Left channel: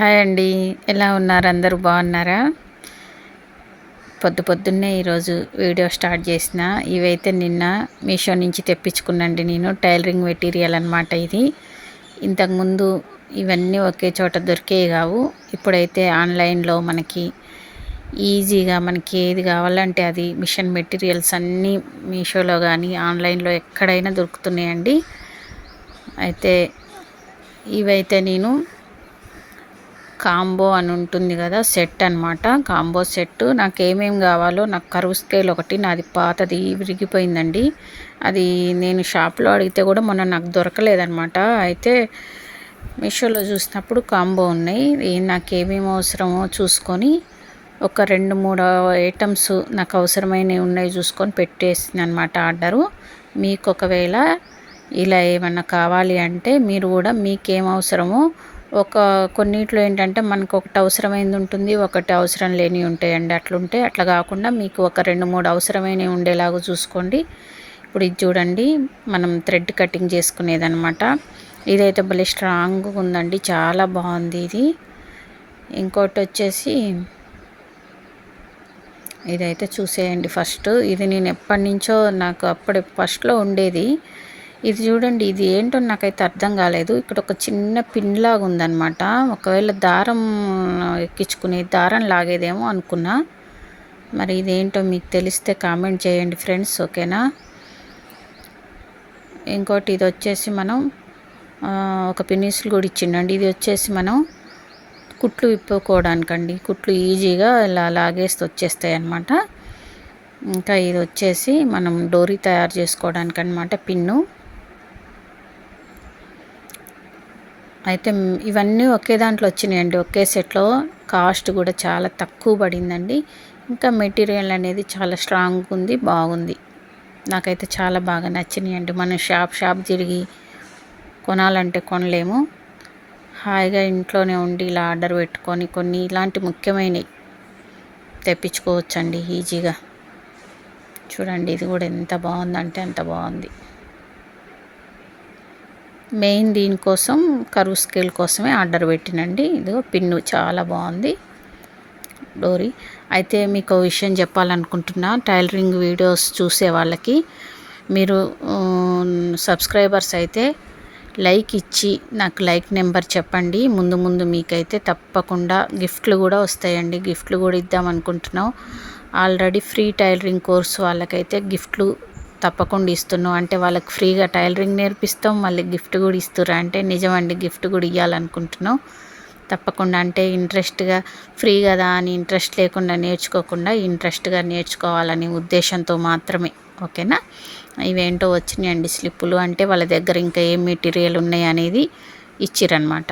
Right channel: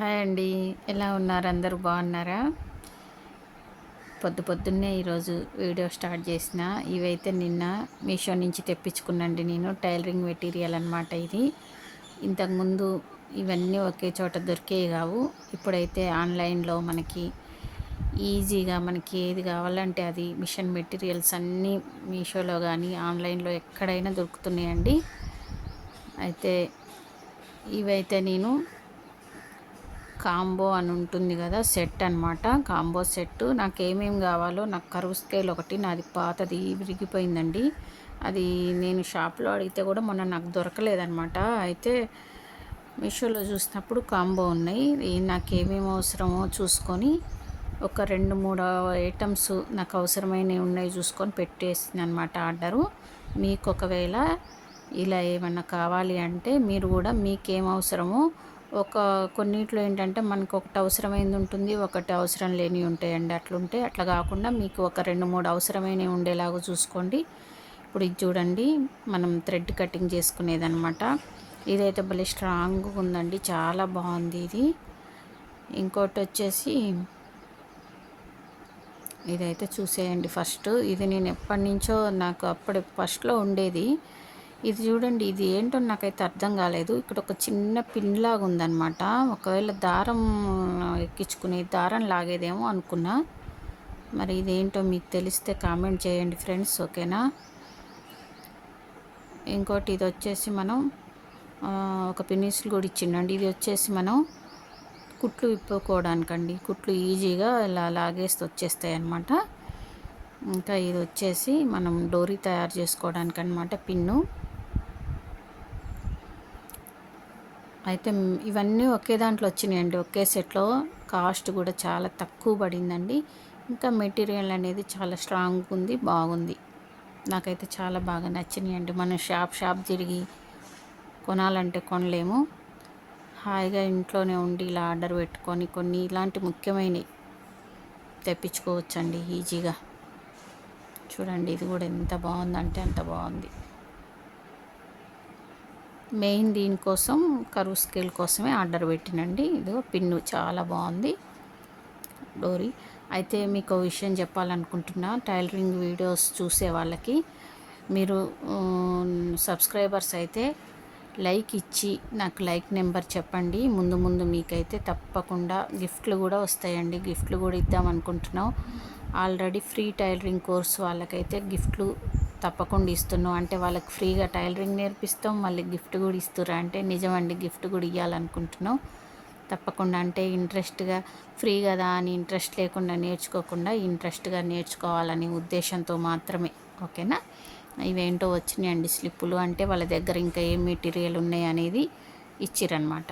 Hi అండి. ఎలా ఉన్నారు? అందరూ బాగున్నారా? పొద్దున్నే ఈరోజు వీడియో స్టార్ట్ చేసిన. ఇవైతే నిన్న మీషో నుంచి తెప్పించుకున్నాండి నేను. టైలరింగ్ మెటీరియల్ అనమాట ఇది. ఇంతకుముందు ఇవన్నీ ఒకే చోట దొరికేవి కావు. ఇప్పుడైతే ఆన్లైన్లో మనకి ఈజీగా మనకి ఏది కావాలంటే అది మిషన్ మెటీరియల్స్ అన్నీ మీషోలో కానీ ఆన్లైన్లో ఎక్కడైనా దొరుకుతున్నాయండి. అయితే ఇవైతే నేను కాంబో అని ఉంటుంది కదా, సెట్ అనమాట. కాంబో సెట్ నాకు ఏమేమి కావాలో, నాకు కరువు స్కేల్ ఒకటి నాది పాతది విరిగిపోయిందండి. అది నేను షాప్లో అడిగితే కూడా మొన్న నాకు దొరకలేదనమాట. అయితే మీషోలో చూసినప్పుడు కాంబో ఉన్నాయి. నాకు ఏమేమి అవసరమో చూసుకొని ఒక 2-3 ఐటమ్స్ నాకు అవసరమైనవి ఉన్నాయి చూసుకొని పెట్టేసింది అనమాట ఆర్డరు. మీకు ఒకవేళ ఇలా ఏమన్నా కావాలి అంటే మీరు కూడా మీకేం అవసరమో కొన్నిట్లో ఏంటంటే మనకు ఒకటి అవసరమైనది ఉంటుంది, ఒకటి అవసరం లేనివి ఉంటాయండి. అట్లా కాకుండా మీకు ఒక 2-3 అవసరమైనవి ఉండేలాగా చూసుకోండి. ఇప్పుడు ఇది చూడండి, మనం థ్రెడ్ కటింగ్ చేసుకునేదనమాట. ఇదైతే భలే స్ట్రాంగ్గా ఉందండి, చాలా బాగుంది ఇది. ఇంకోటి వచ్చేసి ఇదైతే చూసేయండి. ఫస్ట్ ఇది నేను ఎప్పటి నుంచో నాకు ఫస్ట్లో ఉండేది. ఇది చూడండి, ఇది ఏంటో నాకైతే అర్థం కాలేదు. ఇక్కడ ఒక చిన్న పిన్ లాగా ఉందన్నమాట. ఒకవేళ దారం ఎక్కించుకునే దారం లాగేదేమో అనుకున్నా. మరి ఇదేంటో మీకు తెలిస్తే కామెంట్ చేయండి ఫ్రెండ్స్, ఓకేనా? ఇంకోటి ఇది వచ్చేసి మనం ఒక పిన్నిస్లు కూడా ఇచ్చిండండి. ఇది వచ్చేసి మనం కుట్లు విప్పుకోవడానికండి. కుట్లు ఈజీగా ఇలా లాగేస్తే వచ్చేస్తాయి అన్నమాట. ఇంకా ఇది వచ్చేసి మనం డోరీ తయారు చేసుకోవడానికి అనమాట, పిన్ను. అయితే ఇవన్నీ ఒకే దాంట్లో వచ్చినాయండి, ఒకే సెట్లో. కాస్ట్ కూడా చాలా తక్కువ పడిందండి. ఇంకా మెటీరియల్ అనేది చాలా స్ట్రాంగ్ ఉంది, బాగుంది. నాకైతే చాలా బాగా నచ్చినాయండి. మనం షాప్ తిరిగి కొనాలంటే కొనలేము. హాయిగా ఇంట్లోనే ఉండి ఇలా ఆర్డర్ పెట్టుకొని కొన్ని ఇలాంటి ముఖ్యమైనవి తెప్పించుకోవచ్చండి ఈజీగా. చూడండి, ఇది కూడా ఎంత బాగుందంటే అంత బాగుంది. మెయిన్ దీనికోసం కరువు స్కేల్ కోసమే ఆర్డర్ పెట్టినండి. ఇదిగో పిన్ను చాలా బాగుంది, డోరీ. అయితే మీకు విషయం చెప్పాలనుకుంటున్నా, టైలరింగ్ వీడియోస్ చూసే వాళ్ళకి, మీరు సబ్స్క్రైబర్స్ అయితే లైక్ ఇచ్చి నాకు లైక్ నెంబర్ చెప్పండి. ముందు మీకైతే తప్పకుండా గిఫ్ట్లు కూడా వస్తాయండి. గిఫ్ట్లు కూడా ఇద్దాం అనుకుంటున్నాం. ఆల్రెడీ ఫ్రీ టైలరింగ్ కోర్స్ వాళ్ళకైతే గిఫ్ట్లు తప్పకుండా ఇస్తున్నాం. అంటే వాళ్ళకి ఫ్రీగా టైలరింగ్ నేర్పిస్తాం, మళ్ళీ గిఫ్ట్ కూడా ఇస్తుర్రు. అంటే నిజమండి, గిఫ్ట్ కూడా ఇవ్వాలనుకుంటున్నాం తప్పకుండా. అంటే ఇంట్రెస్ట్గా, ఫ్రీ కదా అని ఇంట్రెస్ట్ లేకుండా నేర్చుకోకుండా ఇంట్రెస్ట్గా నేర్చుకోవాలనే ఉద్దేశంతో మాత్రమే, ఓకేనా? ఇవేంటో వచ్చినాయండి స్లిప్పులు. అంటే వాళ్ళ దగ్గర ఇంకా ఏం మెటీరియల్ ఉన్నాయి అనేది ఇచ్చిరన్నమాట.